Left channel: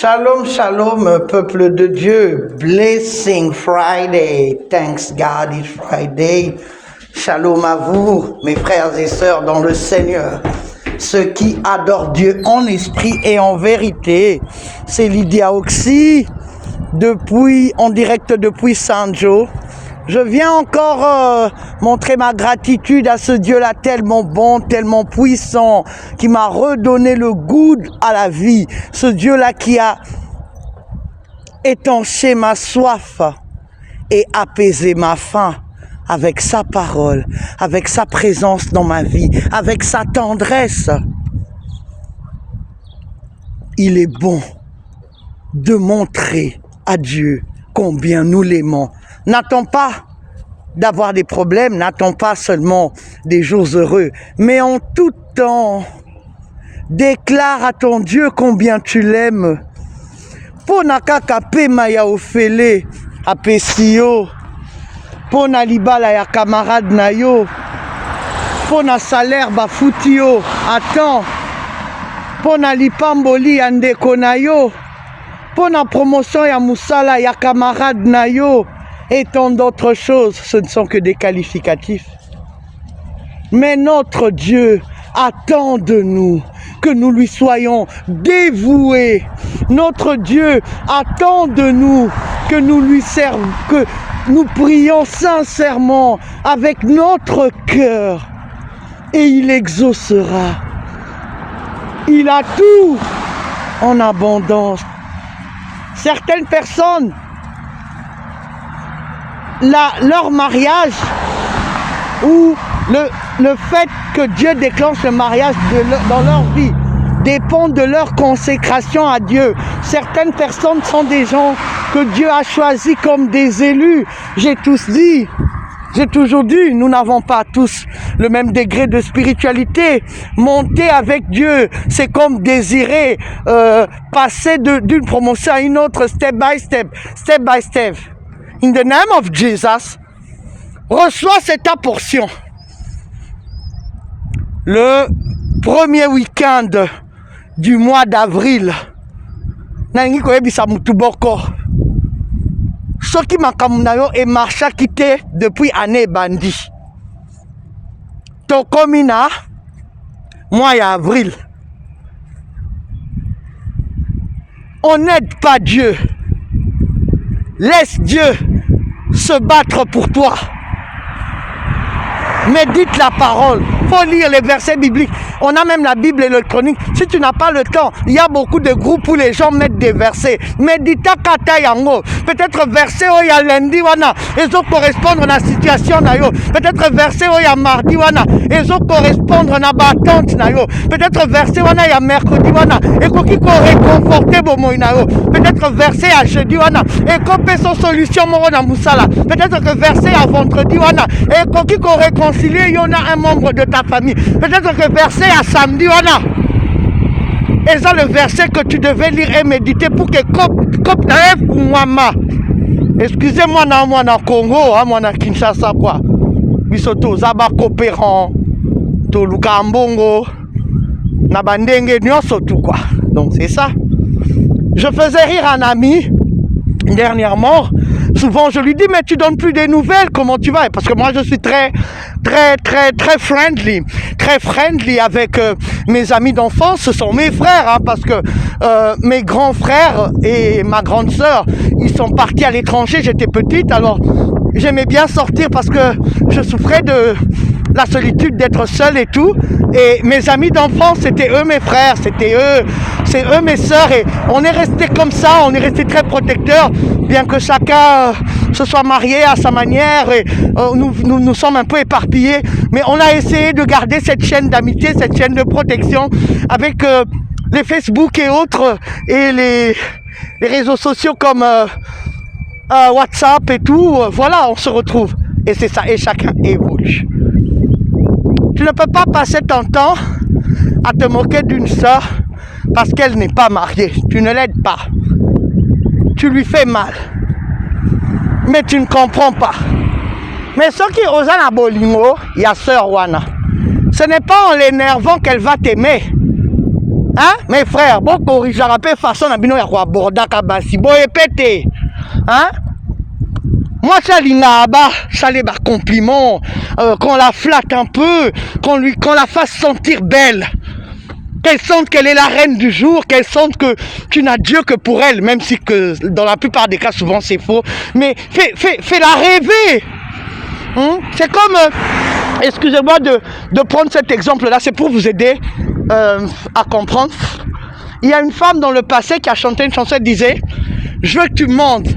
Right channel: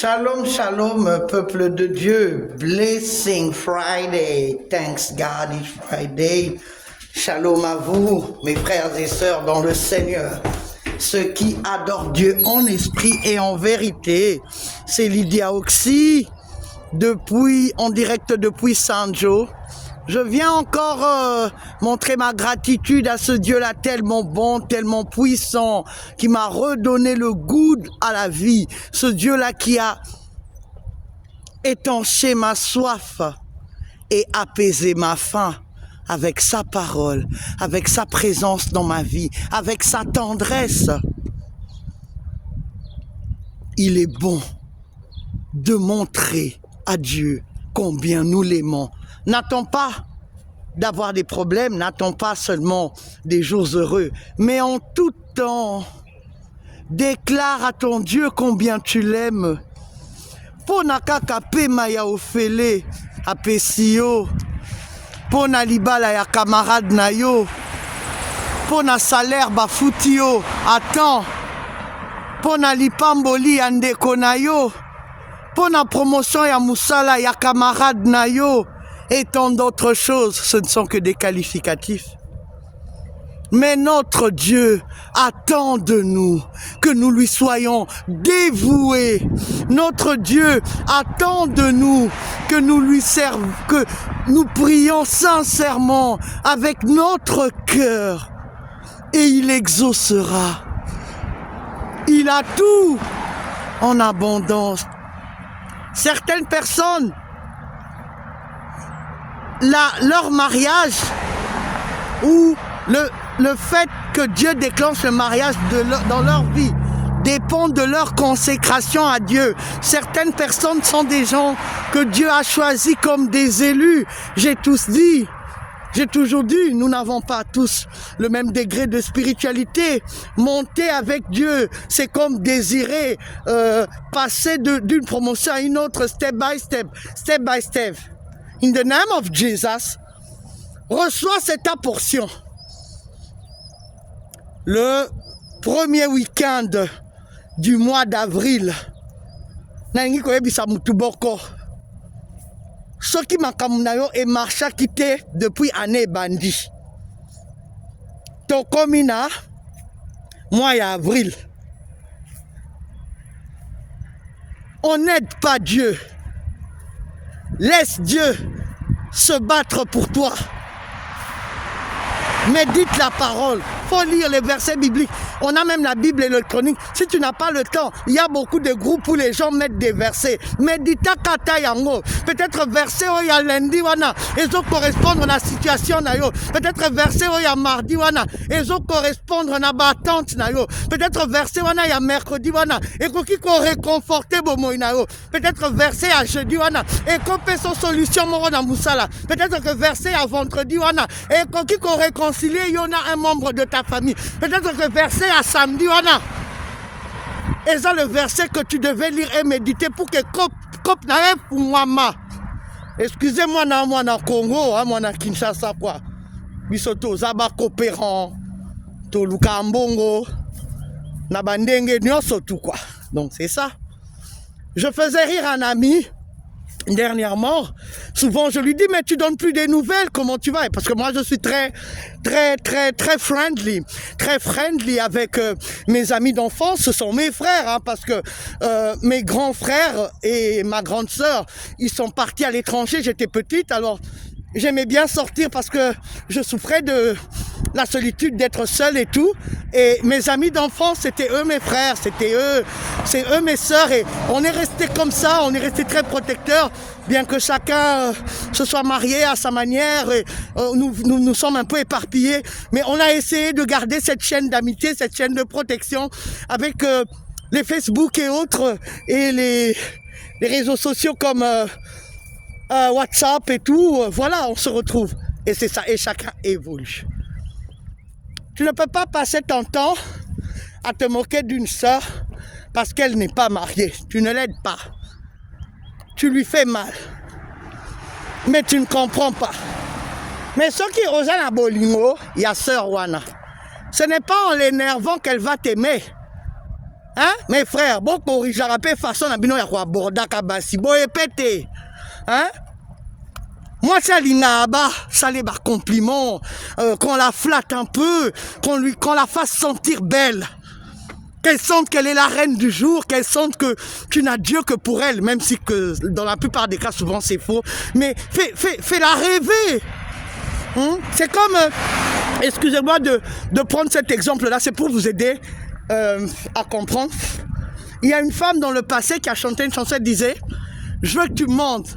Shalom, shalom, peuple de Dieu. Blessing Friday. Thanks God it's Friday. Shalom à vous, mes frères et sœurs dans le Seigneur. Ceux qui adorent Dieu en esprit et en vérité. C'est Lydia Oxy, en direct depuis San Joe. Je viens encore montrer ma gratitude à ce Dieu-là tellement bon, tellement puissant, qui m'a redonné le goût à la vie. Ce Dieu-là qui a étanché ma soif et apaisé ma faim avec sa parole, avec sa présence dans ma vie, avec sa tendresse. Il est bon de montrer à Dieu combien nous l'aimons. N'attends pas d'avoir des problèmes, n'attends pas seulement des jours heureux, mais en tout temps, déclare à ton Dieu combien tu l'aimes. Pona kaka pema ya ofele apesi yo, pona libala ya camarade na yo, pona salaire bafuti yo, attends, pona lipamboli ya ndeko na yo, pona promotion ya musala ya camarade na yo, et tant d'autres choses, ce ne sont que des qualificatifs. Mais notre Dieu attend de nous que nous lui soyons dévoués. Notre Dieu attend de nous que nous lui servons, que nous prions sincèrement avec notre cœur. Et il exaucera. Il a tout en abondance. Certaines personnes, leur mariage ou le fait que Dieu déclenche le mariage dans leur vie dépend de leur consécration à Dieu. Certaines personnes sont des gens que Dieu a choisis comme des élus. J'ai toujours dit, nous n'avons pas tous le même degré de spiritualité. Monter avec Dieu, c'est comme désirer passer d'une promotion à une autre, step by step, step by step. In the name of Jesus, reçois cette ta portion. Le premier week-end du mois d'avril, nangi koyebisa mutu boko. Soki makambo na yo emarchaki te depuis année ebandi. Tokomi na mois ya avril. On n'aide pas Dieu. Laisse Dieu se battre pour toi. Médite la parole. Il faut lire les versets bibliques. On a même la Bible électronique. Si tu n'as pas le temps, il y a beaucoup de groupes où les gens mettent des versets. Médita kata yango. Peut-être verset où il y a lundi wana. Ils ont correspondre à la situation na yo. Peut-être verset où il y a mardi wana. Ils ont correspondre à la battante na yo. Peut-être verset wana il y a mercredi wana. Et qu'on qui réconforter bomo na yo. Peut-être verset à jeudi wana. Et qu'on peut son solution moro na musala. Peut-être que verset à vendredi wana. Et qu'on qui réconcilier il y en a un membre de ta famille. Peut-être que verset à samedi wana. Et ça le verset que tu devais lire et méditer pour que cop na pour moi. Excusez-moi na moi na Congo, moi na Kinshasa quoi. Bisoto zaba coopérant to lukambongo na bandenge nyonso tout quoi. Donc c'est ça. Je faisais rire un ami dernièrement. Souvent je lui dis mais tu donnes plus des nouvelles, comment tu vas? Parce que moi je suis très friendly avec mes amis d'enfance. Ce sont mes frères hein, parce que mes grands frères et ma grande sœur ils sont partis à l'étranger, j'étais petite, alors j'aimais bien sortir parce que je souffrais de la solitude d'être seule et tout. Et mes amis d'enfance, c'était eux mes frères, c'est eux mes sœurs. Et on est resté comme ça, on est resté très protecteurs, bien que chacun se soit marié à sa manière. Et nous sommes un peu éparpillés. Mais on a essayé de garder cette chaîne d'amitié, cette chaîne de protection avec les Facebook et autres, et les réseaux sociaux comme WhatsApp et tout. Voilà, on se retrouve. Et c'est ça, et chacun évolue. Tu ne peux pas passer ton temps à te moquer d'une sœur parce qu'elle n'est pas mariée. Tu ne l'aides pas. Tu lui fais mal. Mais tu ne comprends pas. Mais ce qui osent à bolingo, il y a sœur Wana. Ce n'est pas en l'énervant qu'elle va t'aimer. Hein? Mes frères, bon corrigera pas façon na bino ya ko aborda kabasi. Bon répétez. Hein? Moi, ça l'inaba, ça les compliments, qu'on la flatte un peu, qu'on la fasse sentir belle. Qu'elle sente qu'elle est la reine du jour, qu'elle sente que tu n'as Dieu que pour elle, même si que dans la plupart des cas, souvent c'est faux. Mais fais-la rêver. C'est comme, excusez-moi de prendre cet exemple-là, c'est pour vous aider à comprendre. Il y a une femme dans le passé qui a chanté une chanson, elle disait « Je veux que tu me mentes.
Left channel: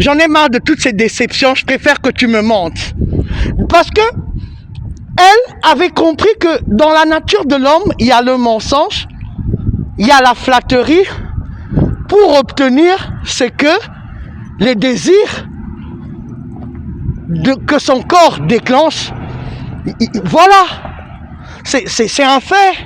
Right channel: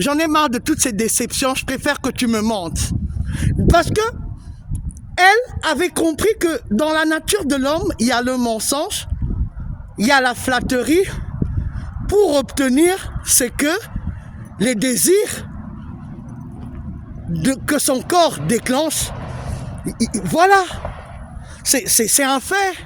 J'en ai marre de toutes ces déceptions, je préfère que tu me mentes. » Parce que elle avait compris que dans la nature de l'homme, il y a le mensonge, il y a la flatterie pour obtenir ce que les désirs que son corps déclenche. Voilà, c'est un fait.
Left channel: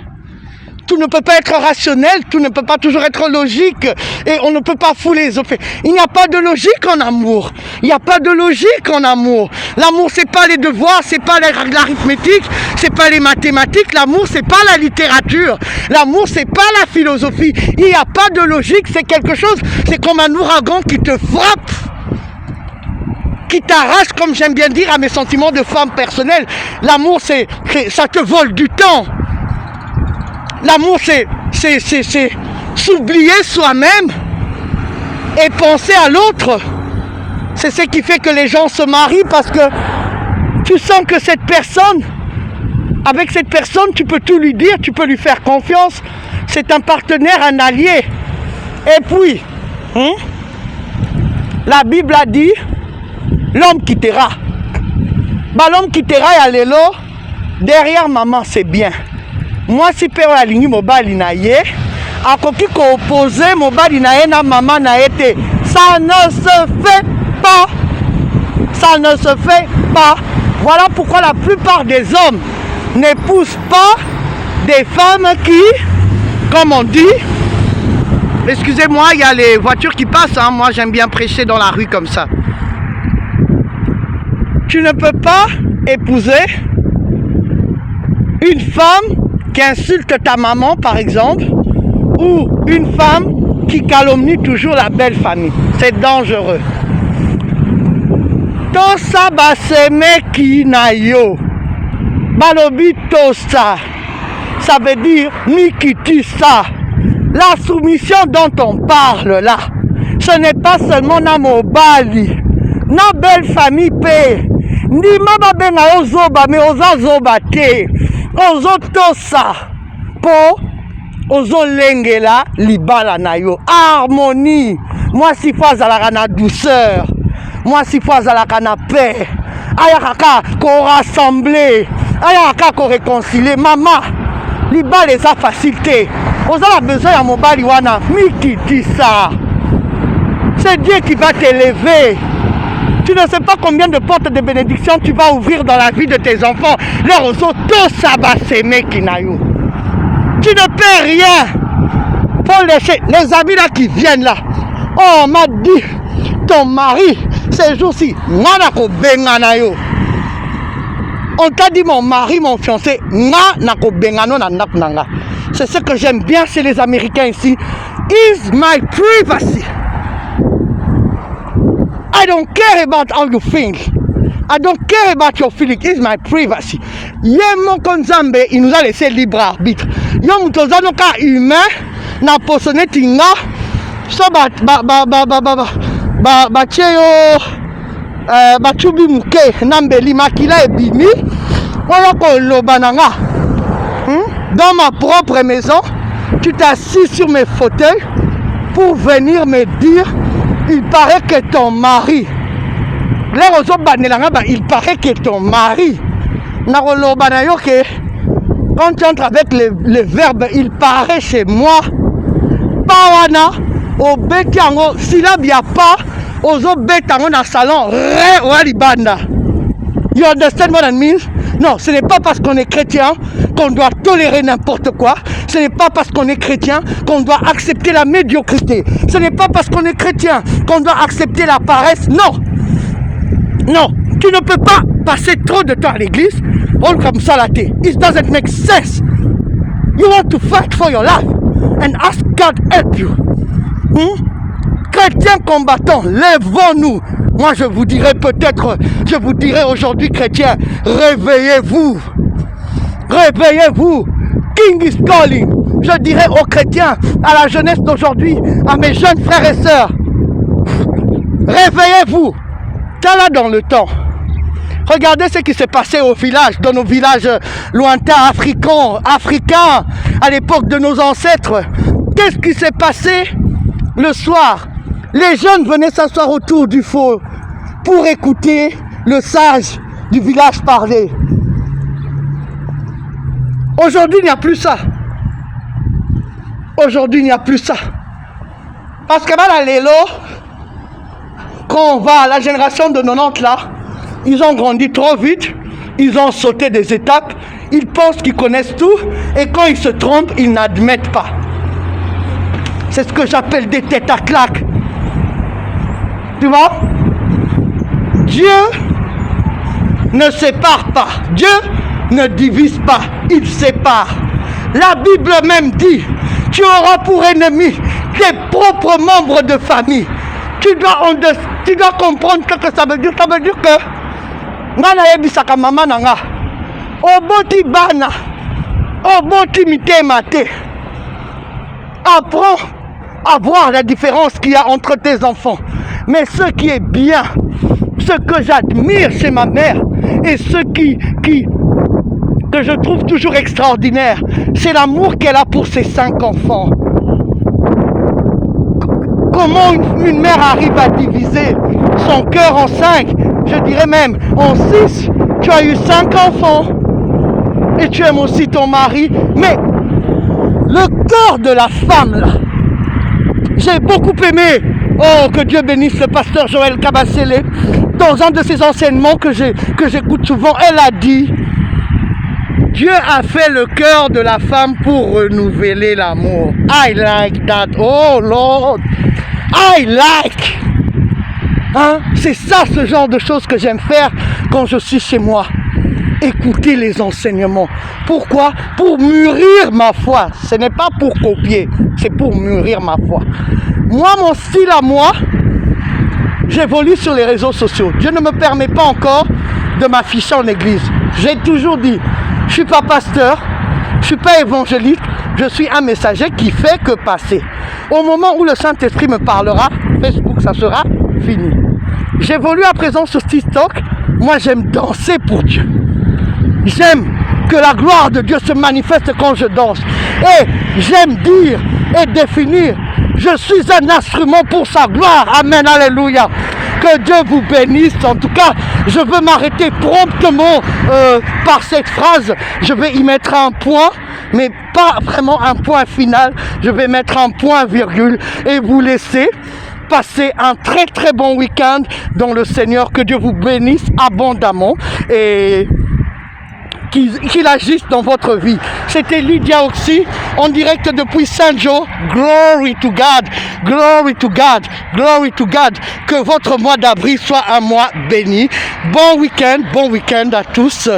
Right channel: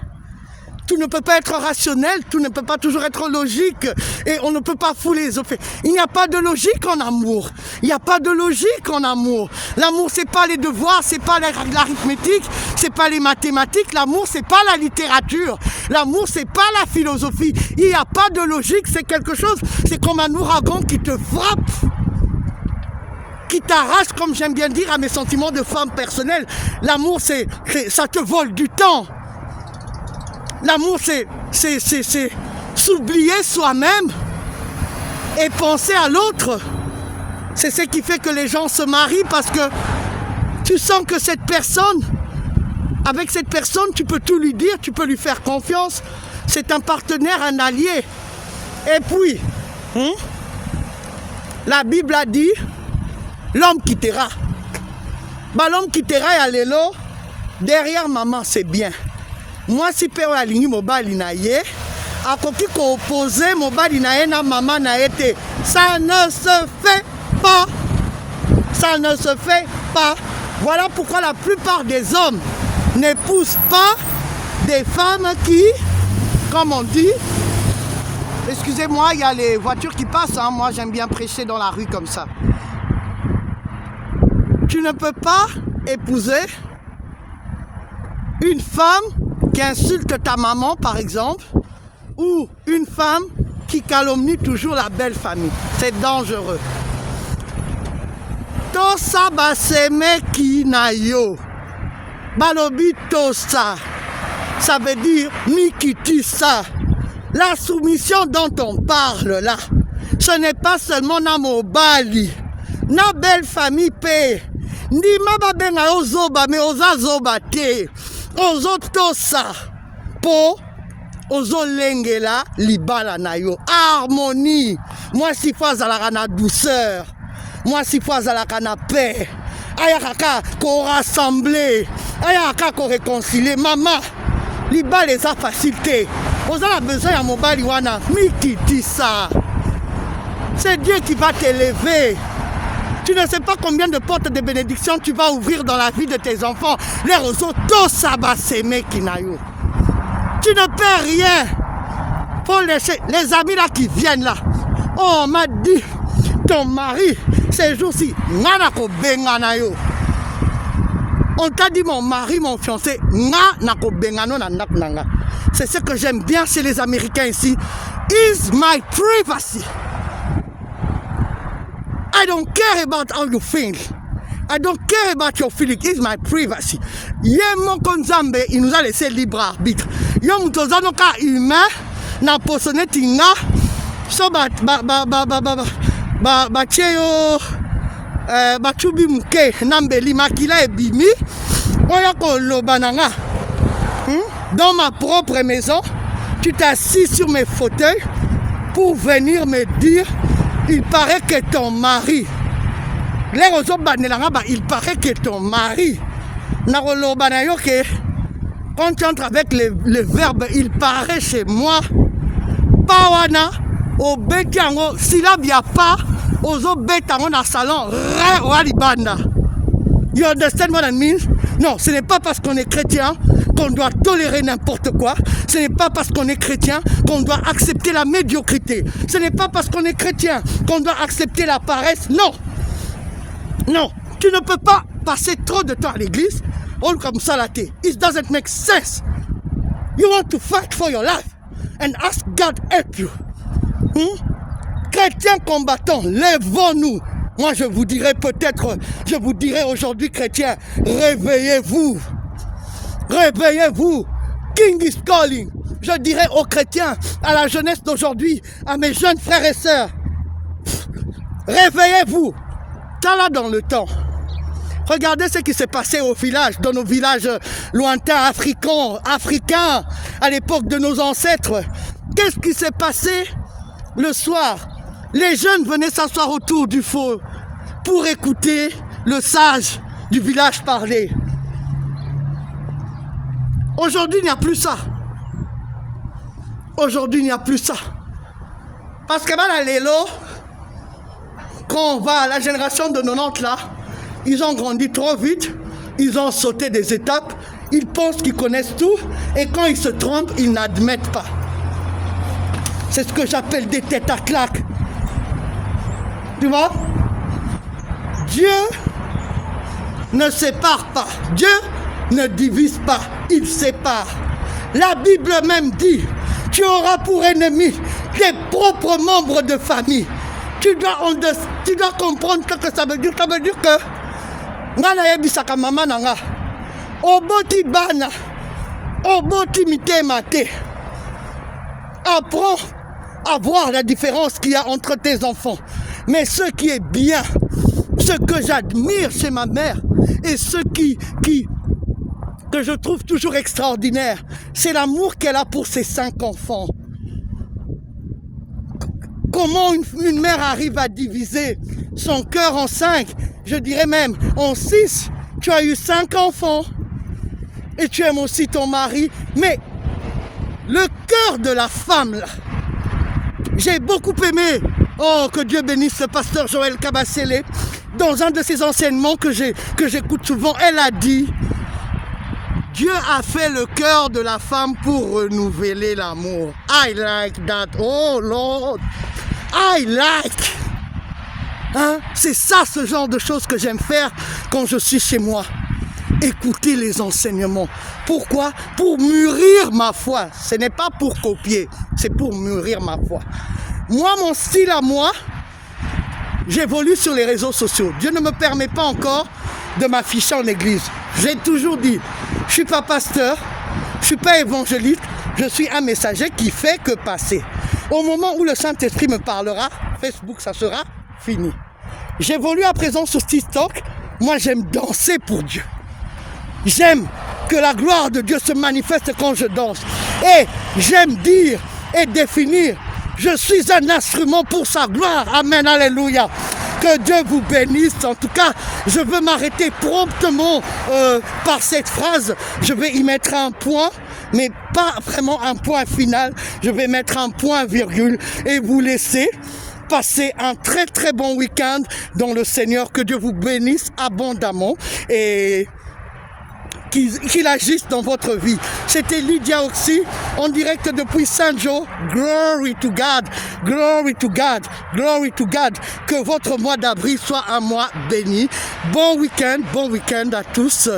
Tout ne peut pas être rationnel, tout ne peut pas toujours être logique et on ne peut pas fouler les autres. Il n'y a pas de logique en amour. Il n'y a pas de logique en amour. L'amour, c'est pas les devoirs, c'est pas l'arithmétique, c'est pas les mathématiques. L'amour, c'est pas la littérature. L'amour, c'est pas la philosophie. Il n'y a pas de logique, c'est quelque chose, c'est comme un ouragan qui te frappe, qui t'arrache, comme j'aime bien dire, à mes sentiments de femme personnelle. L'amour, ça te vole du temps. L'amour, c'est s'oublier soi-même et penser à l'autre. C'est ce qui fait que les gens se marient parce que tu sens que cette personne, avec cette personne, tu peux tout lui dire, tu peux lui faire confiance. C'est un partenaire, un allié. Et puis, la Bible a dit, l'homme quittera. Bah, l'homme quittera et allélo, derrière maman, c'est bien. Moi, si père a ligné mobali na ye, a koki ko opposer mobali na ye na maman na été. Ça ne se fait pas. Ça ne se fait pas. Voilà pourquoi la plupart des hommes n'épousent pas des femmes qui, comme on dit, excusez-moi, il y a les voitures qui passent, hein. Moi j'aime bien prêcher dans la rue comme ça. Tu ne peux pas épouser une femme qui insulte ta maman, par exemple, ou une femme qui calomnie toujours la belle famille. C'est dangereux. Tosa baseme kinayo. Balobi tosa. Ça veut dire nikitisa. La soumission dont on parle là, ce n'est pas seulement na mobali, na belle famille pe. Ni mama benga ozoba me ozazoba te. Ozotosa po ozolengela libala na yo. Harmonie. Moi si fois à la douceur. Moi si fois à la paix. Ayaka ko rassembler. Ayaka ko réconcilier. Maman, libala les a facilité. Vous avez besoin de mobali wana. Mikiti ça. C'est Dieu qui va t'élever. Tu ne sais pas combien de portes de bénédiction tu vas ouvrir dans la vie de tes enfants. Les roseaux, tout ça va s'aimer qui n'a eu. Tu ne peux rien. Pour laisser les amis là qui viennent là. Oh, on m'a dit, ton mari, ces jours-ci, on t'a dit mon mari, mon fiancé, c'est ce que j'aime bien chez les Américains ici. Is my privacy. I don't care about how you think. I don't care about your feelings. It's my privacy. Yemo konzambe, il nous a laissé libre arbitre. Yo mutozano ka humain na posone tinga so cheyo chubi muke nambeli makila ebimi oya ko lobananga. Dans ma propre maison, tu t'es assis sur mes fauteuils pour venir me dire il paraît que ton mari, il paraît que ton mari, quand tu entres avec les verbes, il paraît chez moi, Pawana, au Betiango, s'il n'y a pas, aux autres Betango dans le salon, you understand what I mean? Non, ce n'est pas parce qu'on est chrétien qu'on doit tolérer n'importe quoi. Ce n'est pas parce qu'on est chrétien qu'on doit accepter la médiocrité. Ce n'est pas parce qu'on est chrétien qu'on doit accepter la paresse. Non. Non. Tu ne peux pas passer trop de temps à l'église. On comme ça la tête. It doesn't make sense. You want to fight for your life and ask God help you. Chrétiens combattants, lèvons-nous. Moi, je vous dirais aujourd'hui, chrétiens, réveillez-vous. Réveillez-vous. King is calling. Je dirais aux chrétiens, à la jeunesse d'aujourd'hui, à mes jeunes frères et sœurs, réveillez-vous. T'as là dans le temps. Regardez ce qui s'est passé au village, dans nos villages lointains africains, à l'époque de nos ancêtres. Qu'est-ce qui s'est passé le soir? Les jeunes venaient s'asseoir autour du feu pour écouter le sage du village parler. Aujourd'hui, il n'y a plus ça. Aujourd'hui, il n'y a plus ça. Parce que là, les lots, quand on va à la génération de 90 là, ils ont grandi trop vite, ils ont sauté des étapes, ils pensent qu'ils connaissent tout, et quand ils se trompent, ils n'admettent pas. C'est ce que j'appelle des têtes à claques. Tu vois? Dieu ne sépare pas. Dieu ne divise pas. Il sépare. La Bible même dit, tu auras pour ennemi tes propres membres de famille. Tu dois comprendre ce que ça veut dire. Ça veut dire que ngana yebisaka mama nanga oboti bana oboti mitema te. Apprends à voir la différence qu'il y a entre tes enfants. Mais ce qui est bien, ce que j'admire chez ma mère et ce que je trouve toujours extraordinaire, c'est l'amour qu'elle a pour ses 5 enfants. Comment une mère arrive à diviser son cœur en 5, je dirais même en 6. Tu as eu 5 enfants et tu aimes aussi ton mari, mais le cœur de la femme là, j'ai beaucoup aimé, oh que Dieu bénisse le pasteur Joël Kabasele, dans un de ses enseignements que j'écoute souvent, elle a dit, Dieu a fait le cœur de la femme pour renouveler l'amour. I like that, oh Lord, I like. Hein? C'est ça, ce genre de choses que j'aime faire quand je suis chez moi. Écouter les enseignements. Pourquoi? Pour mûrir ma foi. Ce n'est pas pour copier, c'est pour mûrir ma foi. Moi, mon style à moi, j'évolue sur les réseaux sociaux. Dieu ne me permet pas encore de m'afficher en église. J'ai toujours dit, je ne suis pas pasteur, je ne suis pas évangéliste, je suis un messager qui fait que passer. Au moment où le Saint-Esprit me parlera, Facebook, ça sera fini. J'évolue à présent sur TikTok. Moi, j'aime danser pour Dieu. J'aime que la gloire de Dieu se manifeste quand je danse. Et j'aime dire et définir, je suis un instrument pour sa gloire. Amen, alléluia. Que Dieu vous bénisse. En tout cas, je veux m'arrêter promptement par cette phrase. Je vais y mettre un point, mais pas vraiment un point final. Je vais mettre un point virgule et vous laisser passer un très très bon week-end dans le Seigneur. Que Dieu vous bénisse abondamment et qu'il agisse dans votre vie. C'était Lydia Oxy, en direct depuis Saint-Jean. Glory to God, glory to God, glory to God. Que votre mois d'avril soit un mois béni. Bon week-end à tous.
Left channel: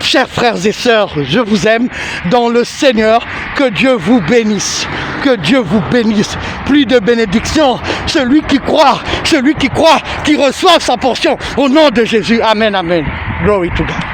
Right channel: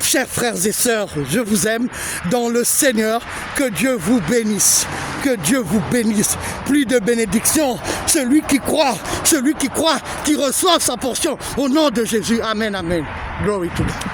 Chers frères et sœurs, je vous aime dans le Seigneur. Que Dieu vous bénisse. Que Dieu vous bénisse. Plus de bénédictions. Celui qui croit, qui reçoit sa portion. Au nom de Jésus. Amen, amen. Glory to God.